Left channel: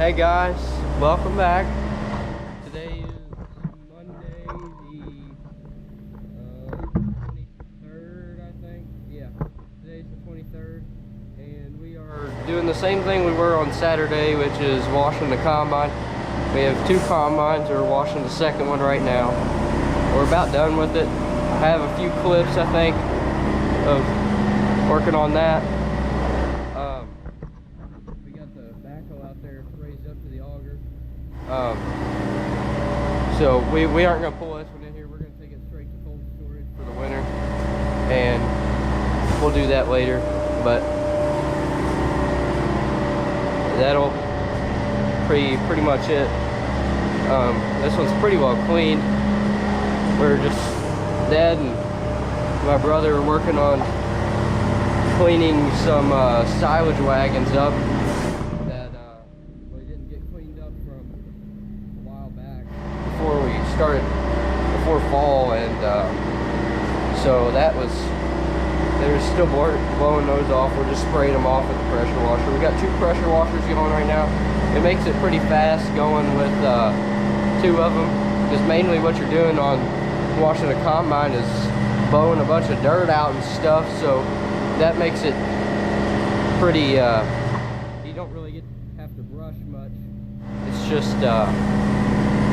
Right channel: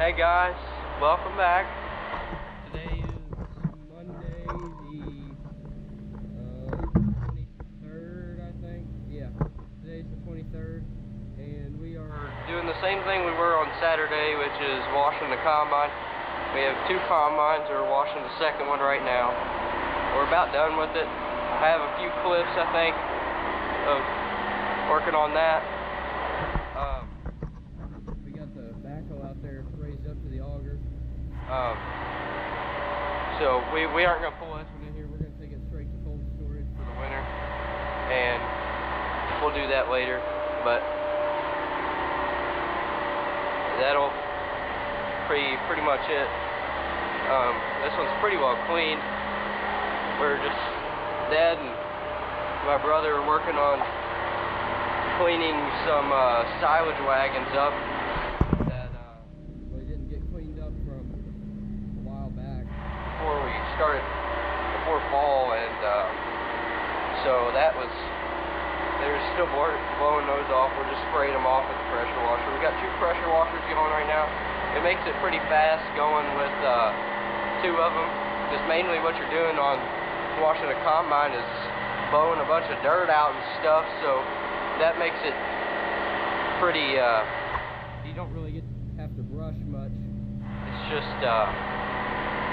Hey guys, welcome back. Today is Monday the 23rd, I think. Yeah, today's the 23rd, and we are doing the same thing we were on Saturday, which is washing the combine. We have two combines. We're washing the second one right now. We're about done with it. I have a few clips, I think, of working on that. We got the backhoe out there raised up to the auger. So we aren't going to pull this one in here. We're going to take it straight to cold storage for the winter, and we'll do that later. But that'll pretty much it. This one's pretty well cleaned. We're just, Dad and my brother are working on cleaning some silage wagons up that we didn't get cleaned up from a while back before fall, and so there's still blowing those off. We're just spraying them off with the pressure washer. We got two pressure washers going right now. It makes it pretty fast going with two of them, because mainly what you're doing on washing a combine is blowing a bunch of dirt out and stuff, so that makes it pretty, you don't really have to brush much. It's just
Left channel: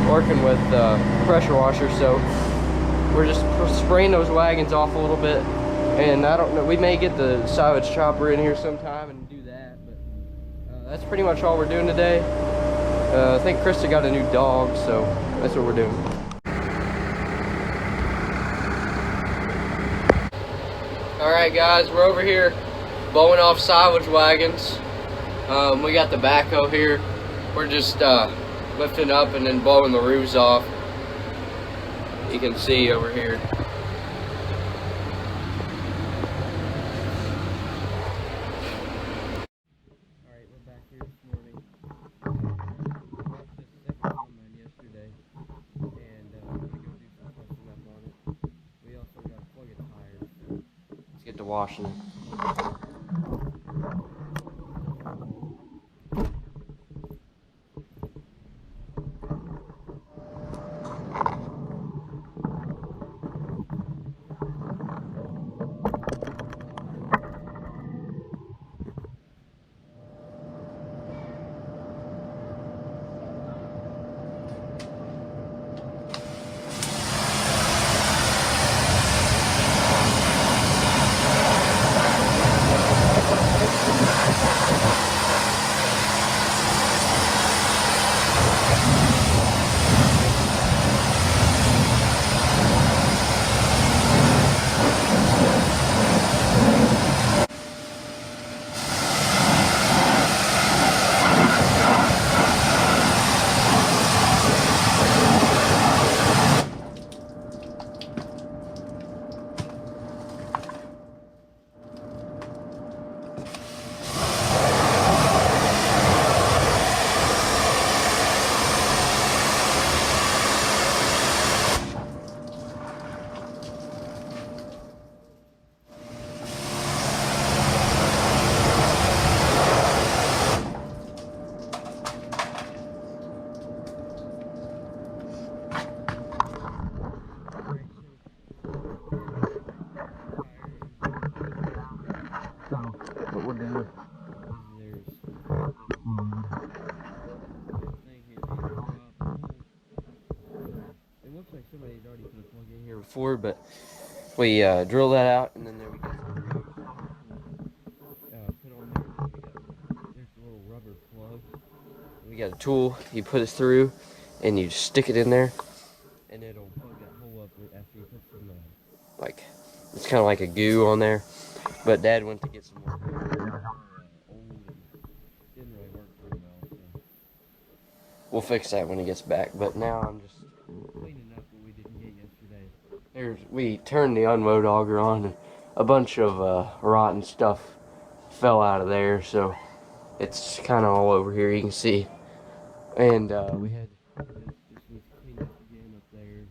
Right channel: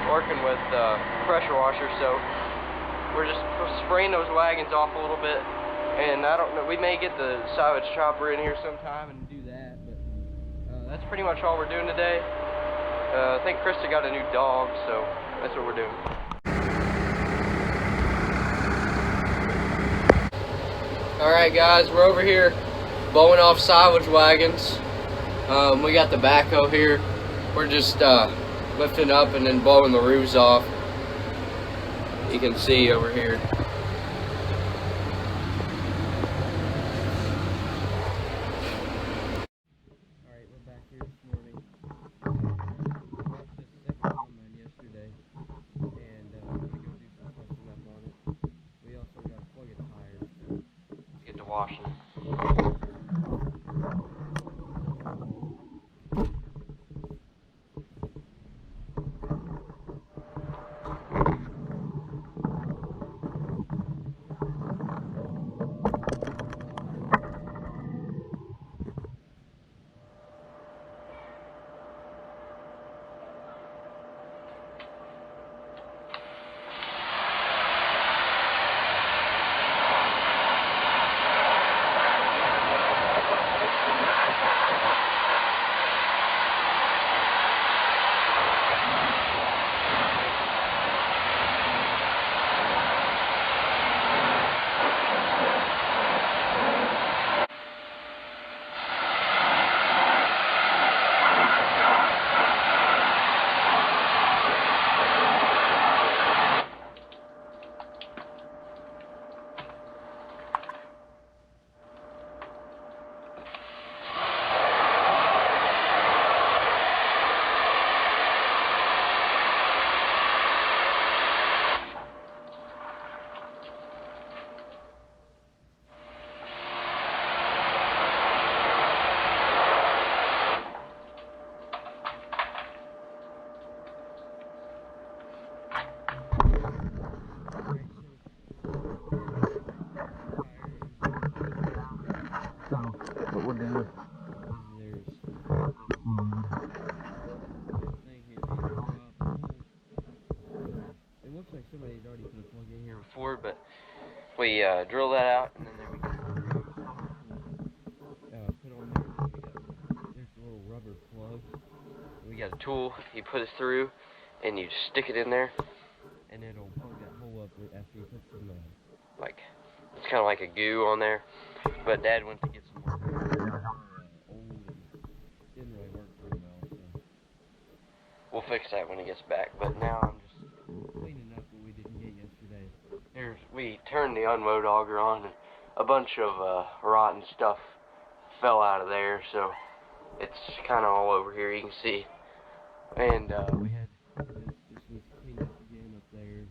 working with pressure washer. So we're just spraying those wagons off a little bit, and I don't know, we may get the silage chopper in here sometime and do that, but that's pretty much all we're doing today. I think Krista got a new dog, so that's what we're doing. Alright guys, we're over here blowing off silage wagons. We got the backhoe here. We're just lifting up and then blowing the roofs off. You can see over here. Alright, we're back here this morning. We watched this second combine yesterday, and we're going to go do some touching up on it. We also got to plug a tire, so let's get to washing it. What we're doing. It looks like somebody had already put a plug in here before, but we drill that out, and then we put on there. There's a little rubber plug. We got a tool. You put it through, and you stick it in there, and it'll plug that hole up after you put some it's kind of like a goo on there. But Dad went to get some old and didn't really work very well, so we'll fix that when he gets back. But now I'm just cleaning up what we didn't get yesterday. We turned the unload auger on, and a bunch of rotten stuff fell out of there, so it's kind of all over here, you can see. And we had this was cleaned up again up there,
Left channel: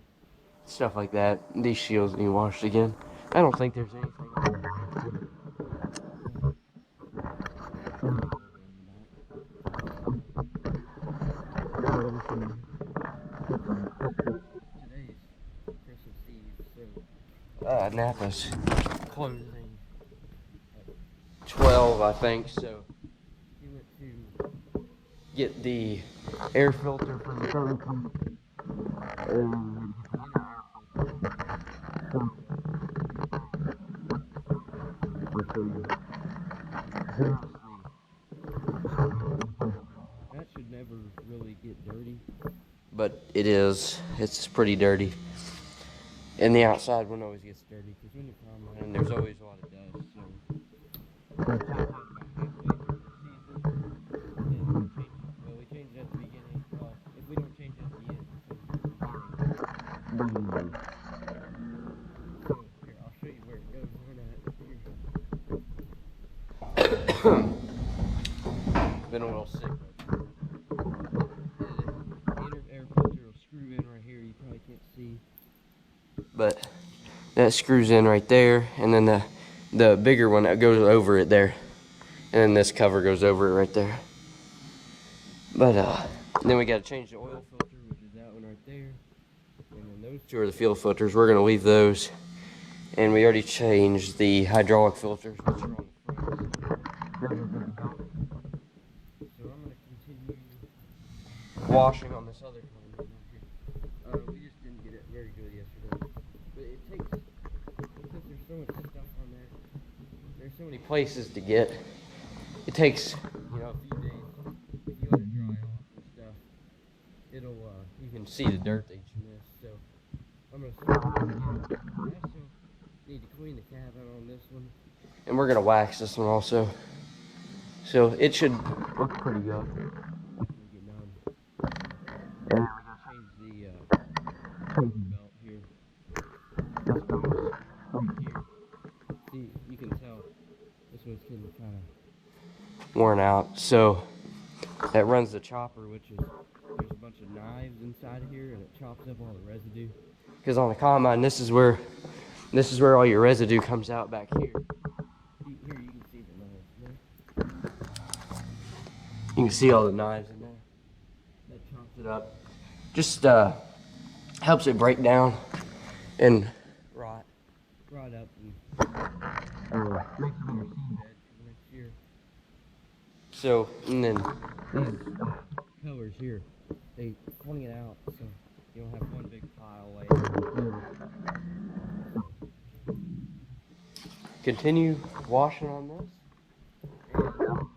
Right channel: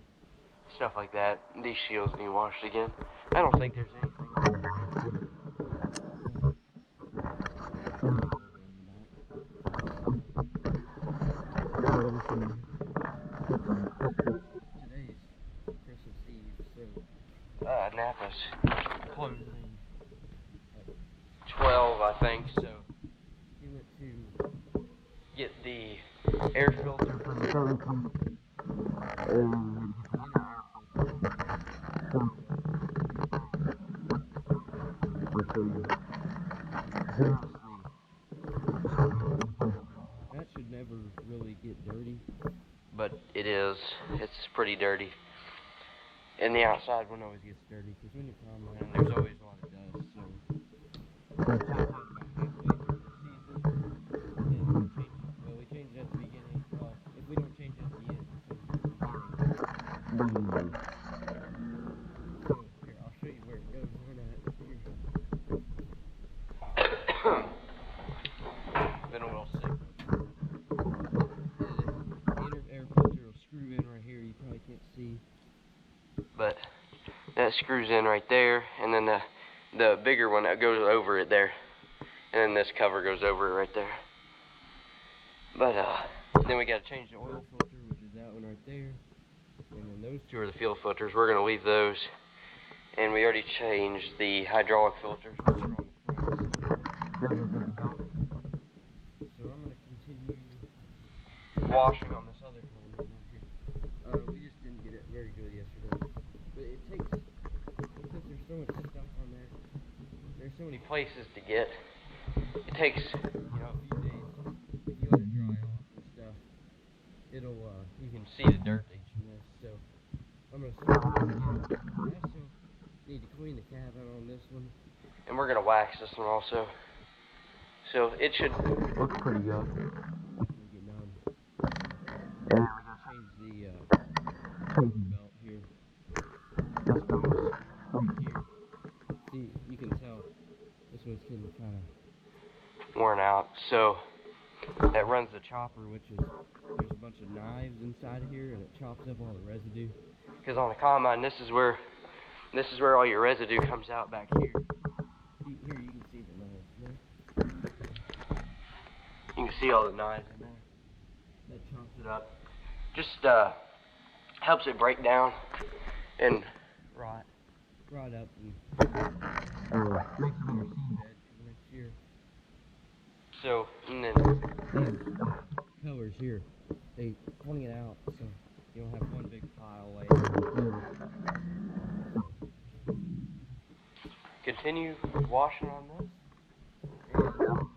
stuff like that. These shields need washed again. I don't think there's anything. Today's Christmas Eve, so Napa's closing at 12, I think, so he went to get the air filter from the phone company. That should never really get dirty, but it is. It's pretty dirty. And the outside one always gets dirty because when you're combining, there's always a lot of dust. So about halfway through the season, and we change it at the beginning. Well, if we don't change it at the end, so here, I'll show you where it goes on at here. Then we'll see. The inner air filter will screw in right here. You probably can't see, but that screws in right there, and then the bigger one that goes over it there, and then this cover goes over it right there. But then we got to change the oil filter, which is that one right there, and then those two are the fuel filters. We're gonna leave those, and we already changed the hydraulic filters, which are on the front. So I'm gonna continue washing on this other one right here. We just didn't get it very good yesterday, but it takes, because there's so much stuff on there, there's so many places to get, it takes, a few days. If you let it dry off and stuff, it'll, you can see the dirt that's in this. So I'm gonna start. I also need to clean the cabin on this one, and we're gonna wax this one also. So it should look pretty good. And we're gonna change the belt here. This goes right here. See, you can tell this one's getting kind of worn out. So that runs the chopper, which is, there's a bunch of knives inside of here, and it chops up all the residue. Because on the combine, this is where all your residue comes out back here. Here you can see the knives. You can see all the knives in there. That chops it up. Just helps it break down and rot up and makes it more seabed for next year. So, and then these colors here, they fling it out so you don't have one big pile laying. Continue washing on this, and I'll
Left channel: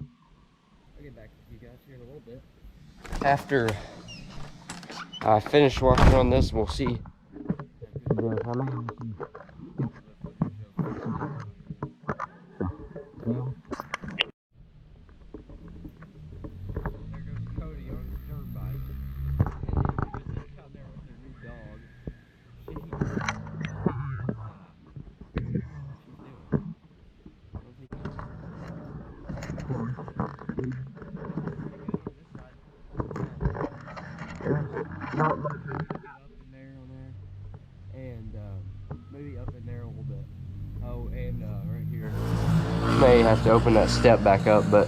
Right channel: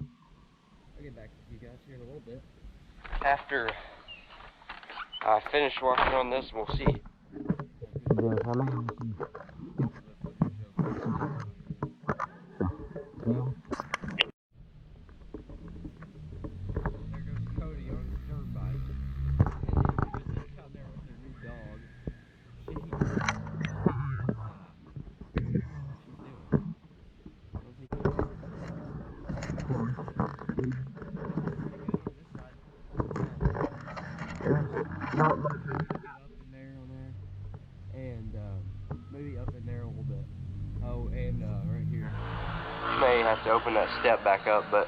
get back with you guys here in a little bit. After I finish washing on this, we'll see. Not much up in there on there, and maybe up in there a little bit. Oh, and right here, may have to open that step back up, but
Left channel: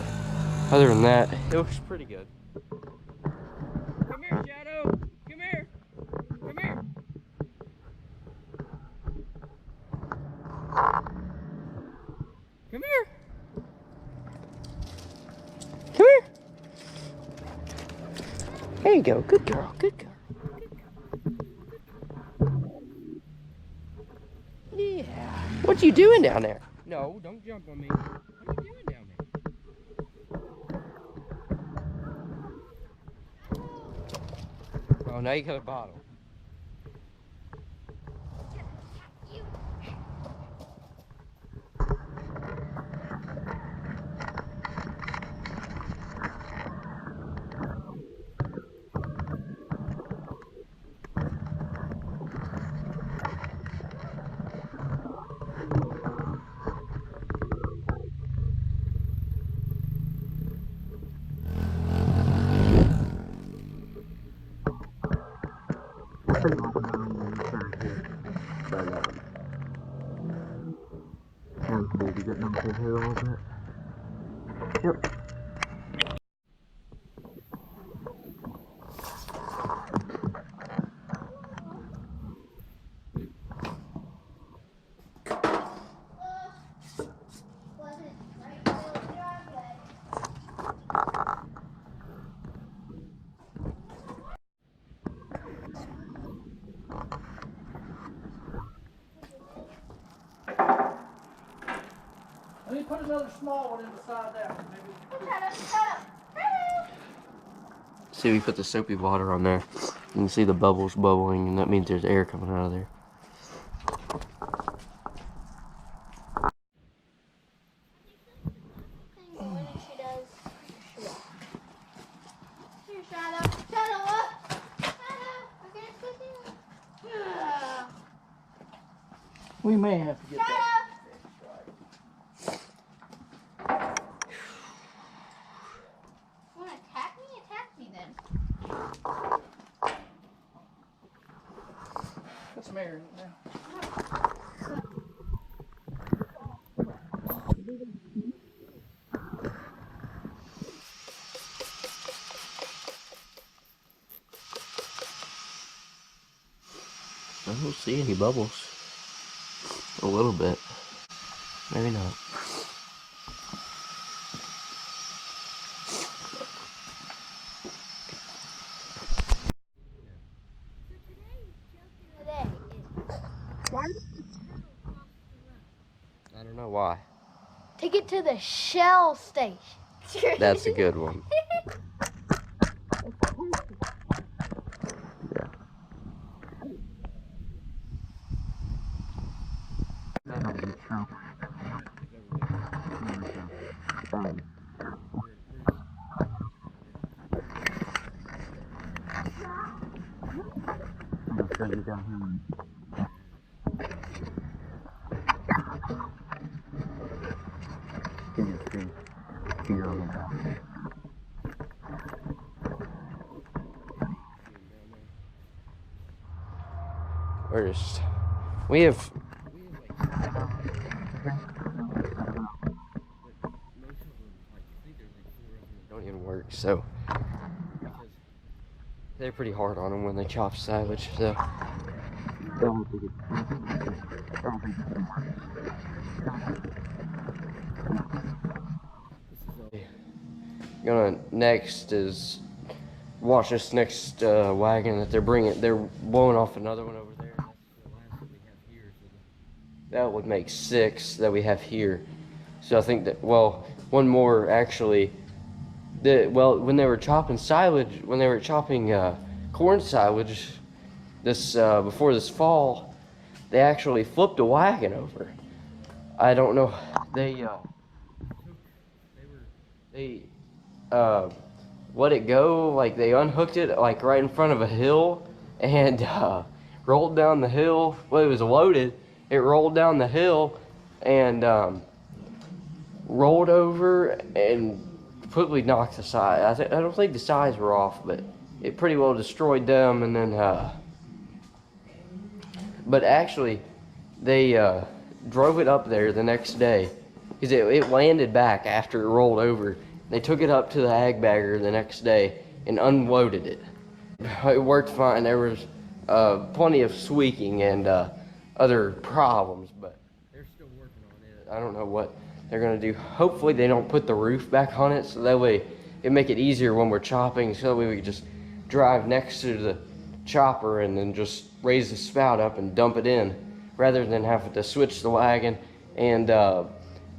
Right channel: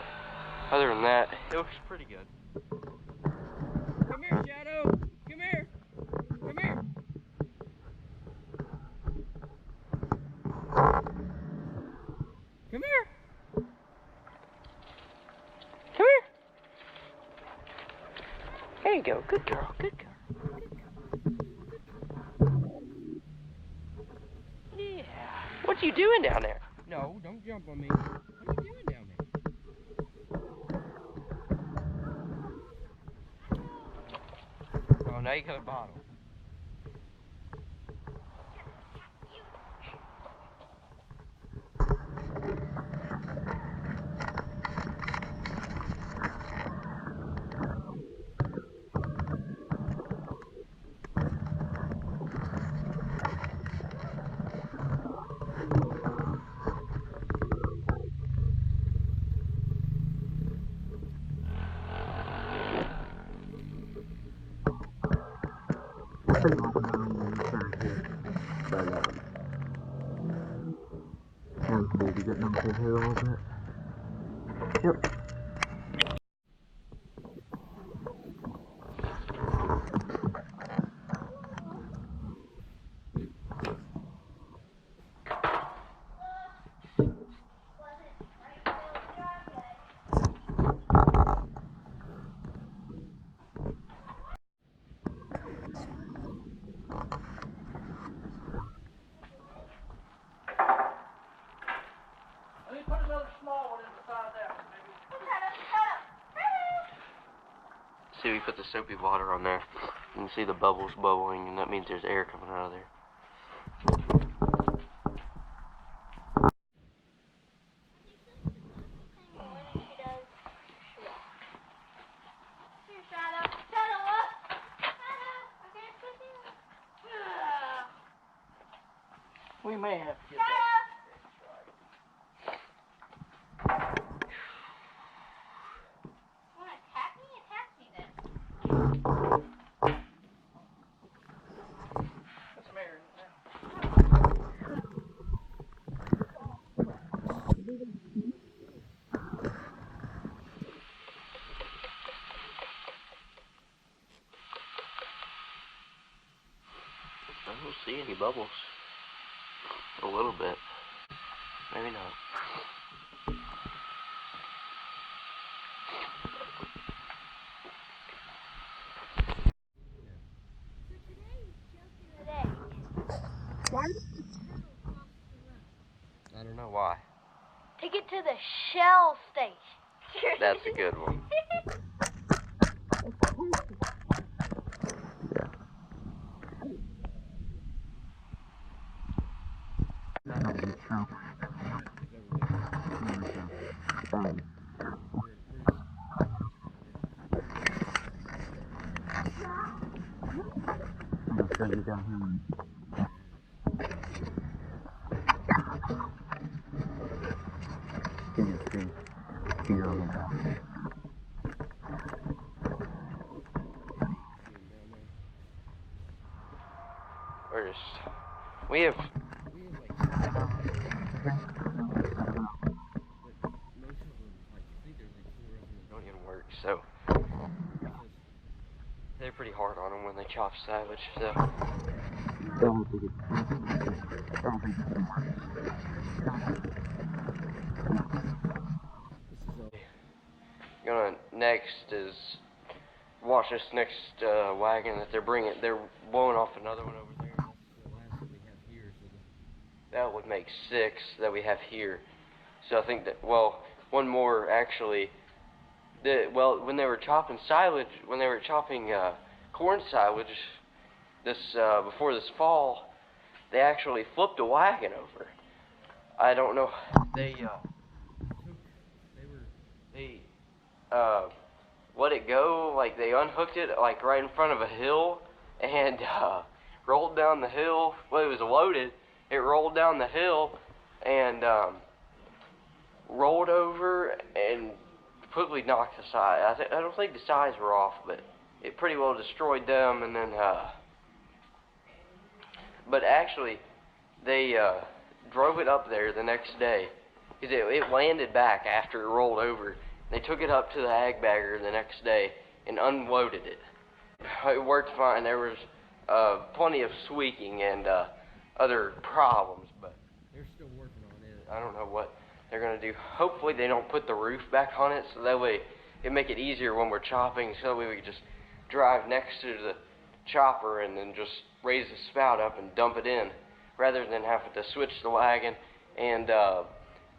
other than that, it looks pretty good. Come here, Shadow. Come here. Come here. Come here. Come here. There you go. Good girl. Good girl. Yeah. What you doing down there? No, don't jump on me. What are you doing down there? Oh, now you got a bottle. Maybe get them to here a little bit. Yep. another small one inside that one, maybe. See, we put the soapy water on there. You can see the bubbles bubbling, and that means there's air coming out of there. We may have to get that. Want to attack me? Attack me then. Let's marry it now. I don't see any bubbles. A little bit. Maybe not. I don't know why. Take it to the Shell station. That's a good one. We have like, most of them, like, I think there's like 4 of them that don't even work, so they're pretty hard on them when they chop silage, so. Gonna next is watch this next wagon that they're bringing. They're blowing off another one over there. The last that we have here, so that would make 6 that we have here. So I think that, well, one more actually. When they were chopping silage, when they were chopping corn silage this before this fall, they actually flipped a wagon over. I don't know. They let it go, like they unhooked it like right in front of a hill and rolled down the hill. Well, it was loaded. It rolled down the hill and rolled over and completely knocked the side. I don't think the sides were off, but it pretty well destroyed them. And then, but actually, they drove it up there the next day because it landed back after it rolled over. They took it up to the ag bagger the next day and unloaded it. It worked fine. There was plenty of squeaking and other problems, but they're still working on it. I don't know what they're gonna do. Hopefully they don't put the roof back on it, so that way it make it easier when we're chopping, so that way we can just drive next to the chopper and then just raise the spout up and dump it in, rather than having to switch the wagon and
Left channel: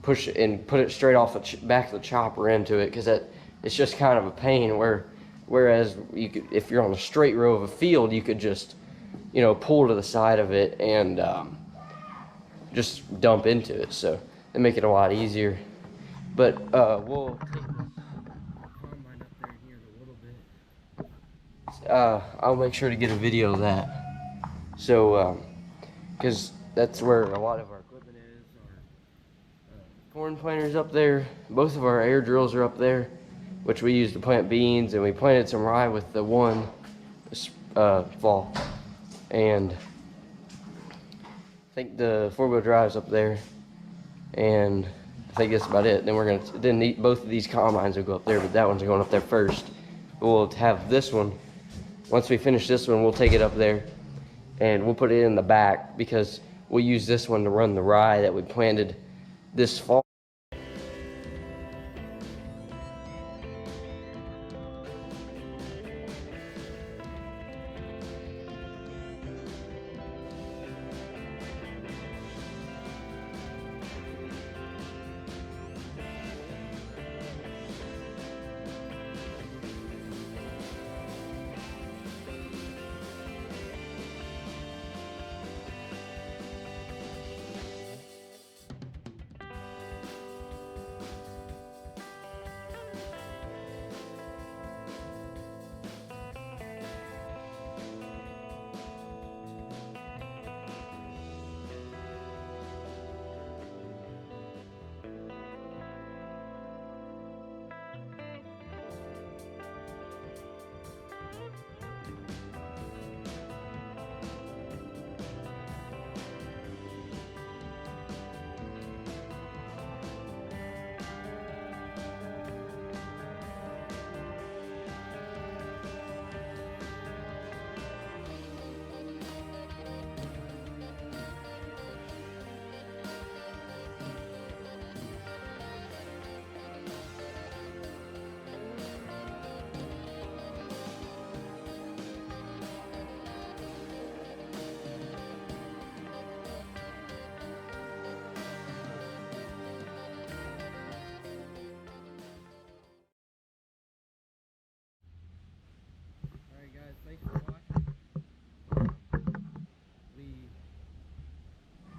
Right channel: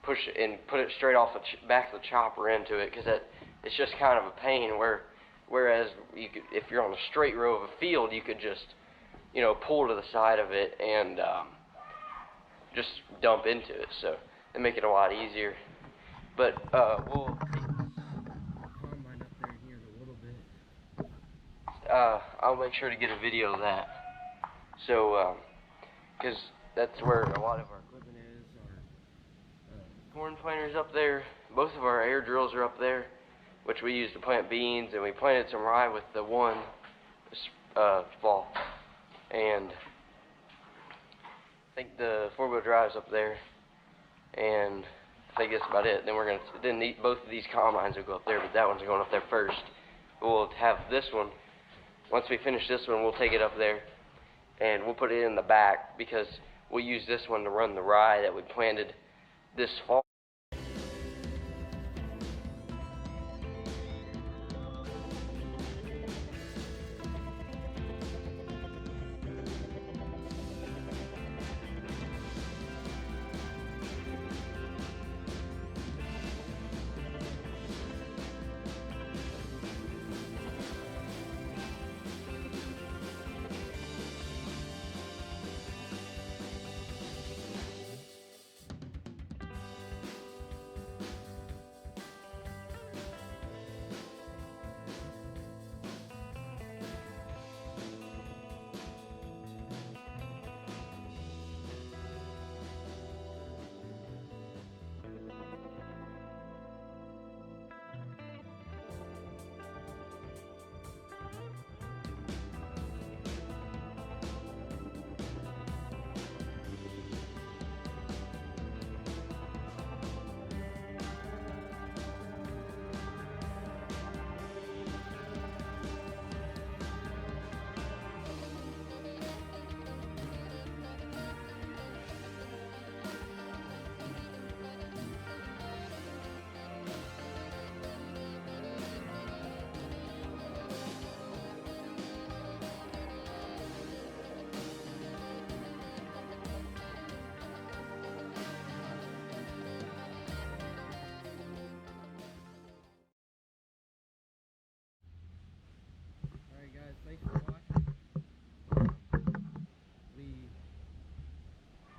push it and put it straight off the back of the chopper into it, because it's just kind of a pain. Whereas you could, if you're on a straight row of a field, you could just, pull to the side of it and just dump into it. So it make it a lot easier. But we'll combine up there here in a little bit. I'll make sure to get a video of that. So because that's where a lot of our equipment is. Our corn planters up there. Both of our air drills are up there, which we use to plant beans, and we planted some rye with the one this fall. And I think the 4-wheel drive's up there, and I think that's about it. Then we're gonna both of these combines will go up there, but that one's going up there first. We'll have this one. Once we finish this one, we'll take it up there and we'll put it in the back, because we'll use this one to run the rye that we planted this fall.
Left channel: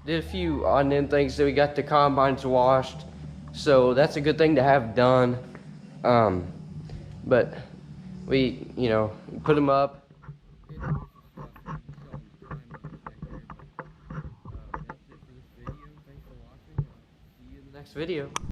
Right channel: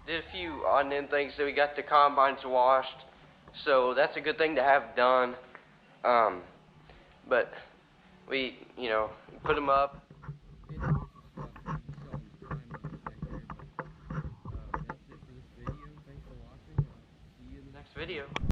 did a few on end things. So we got the combines washed, so that's a good thing to have done. But we, you know, put them up. That's it for this video. Thanks for watching. See you in the next video.